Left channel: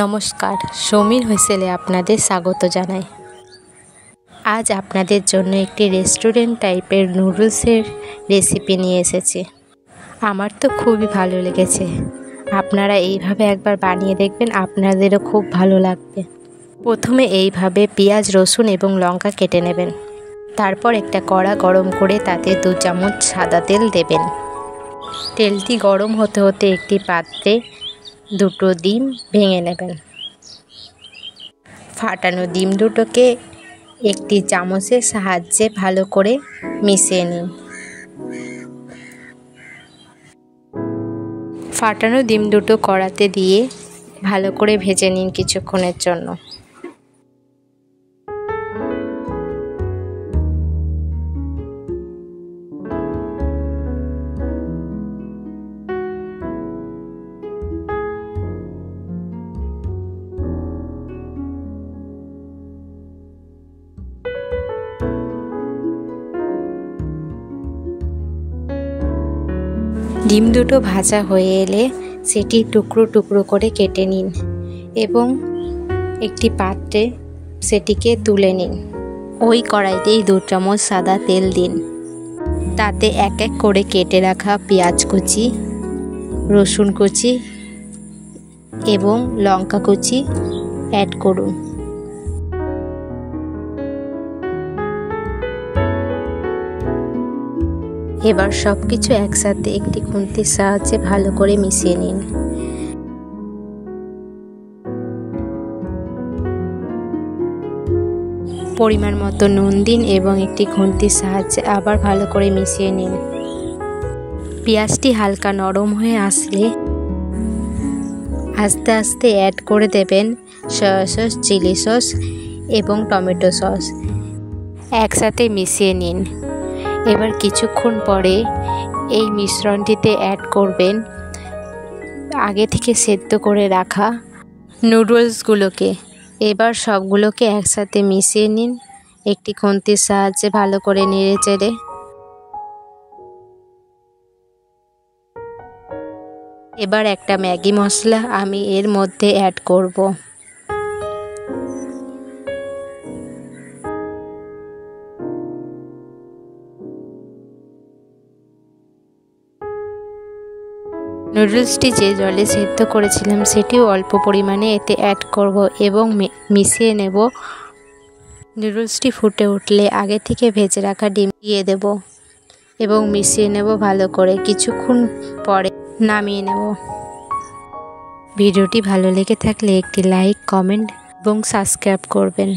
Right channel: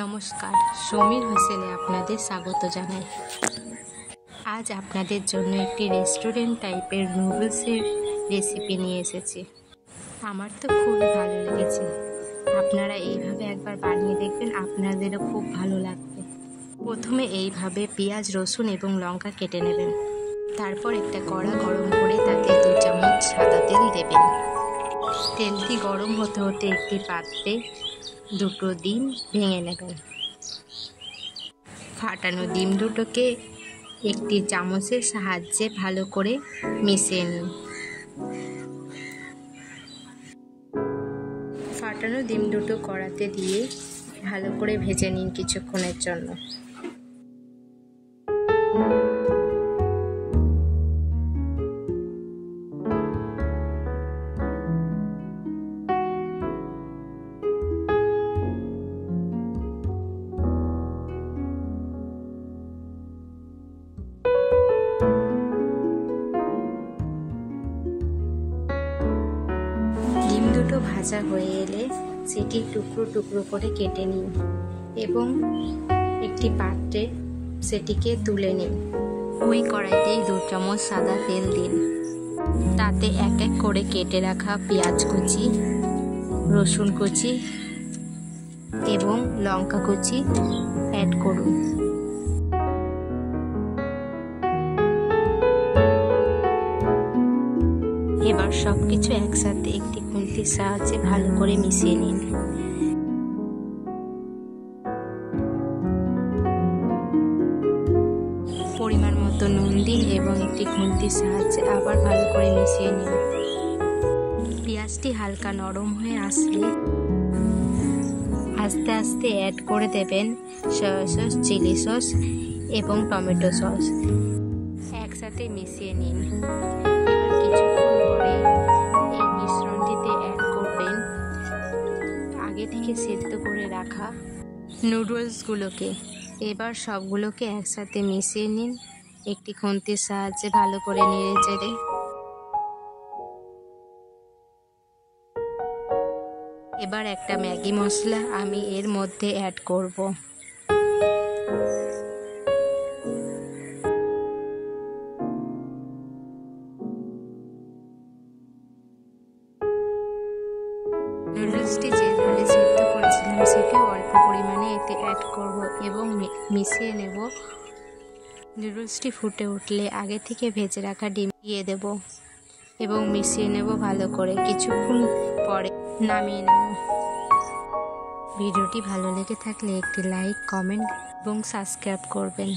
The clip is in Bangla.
নমস্কার, সমীর হুইসেলে আপনাদের স্বাগত জানাই। আজ আপনাদের জন্য একটি রেস্টুরেন্ট টাইপের নুডলসের রেসিপি নিয়ে এসেছি। আমার তো খুবই ভালো লেগেছে। আপনারা এইভাবে একবার বানিয়ে দেখবেন, আপনাদেরও খুব ভালো লাগবে। প্রথমে এইভাবে পেঁয়াজ, রসুন এবং লঙ্কা কেটে নেবেন। তারপর একটা কড়া গরম করে তাতে 2 চামচ সাদা তেল দেবেন। তেলটি গরম হতে হতে একটি পাত্রে 2টো ডিম ভেঙে নেবেন। ফাটানো ডিম দুটোকে একটি চামচের সাহায্যে ভালো করে মিশিয়ে নিন। ফাটানো ডিম দুটো কড়াতে দিয়ে ভালো করে ভেজে নিন কিছুক্ষণের জন্য। ডিম দুটো ভাজা হয়ে এলে সেটি টুকরো টুকরো করে কেটে নিন এবং একটি পাত্রে সেটিকে তুলে নিন। ওই কড়াইতেই 2 চামচ সাদা তেল দিন। তাতে এক এক করে কেটে রাখা পেঁয়াজ কুচি, রসুন কুচি এবং লঙ্কা কুচি অ্যাড করুন। এবার সব কিছু একসাথে একটি খুন্তির সাহায্যে ভালো করে মিশিয়ে নিন। পরিমাণ মতো নুন দিন এবং একটি খুন্তির সাহায্যে আবার ভালো করে মিশিয়ে নিন। পেঁয়াজটি হালকা নরম হয়ে আসলে আস্তে আস্তে অ্যাড করে দেবেন সয়া সস, চিলি সস এবং টমেটো সস। একসাথে মিশিয়ে নিন। এবার কিছুক্ষণ পরে এই মিশ্রণটিতে অ্যাড করবেন আগে থেকে সেদ্ধ করে রাখা নুডলসগুলোকে। এবার সবগুলোকে একসাথে মিশিয়ে নিন একটি খুন্তির সাহায্যে ভালো করে নেড়ে চেড়ে। এবার একটা ম্যাগি মশলা আমি এর মধ্যে অ্যাড করব। নুডলসটি যে জলে সেদ্ধ করেছিলাম সেটিও অল্প পরিমাণে এতে অ্যাড করব এবং মিশিয়ে নেব। নুডলসটি ফুটে উঠলে আগে থেকে ভেজে রাখা ডিম দিয়ে দেব এবং মিশিয়ে নেব ভালো করে। কিছুক্ষণ পরে নামিয়ে নেব। ভিডিওটি ভালো লেগে থাকলে একটি লাইক, কমেন্ট এবং সাবস্ক্রাইব করবেন।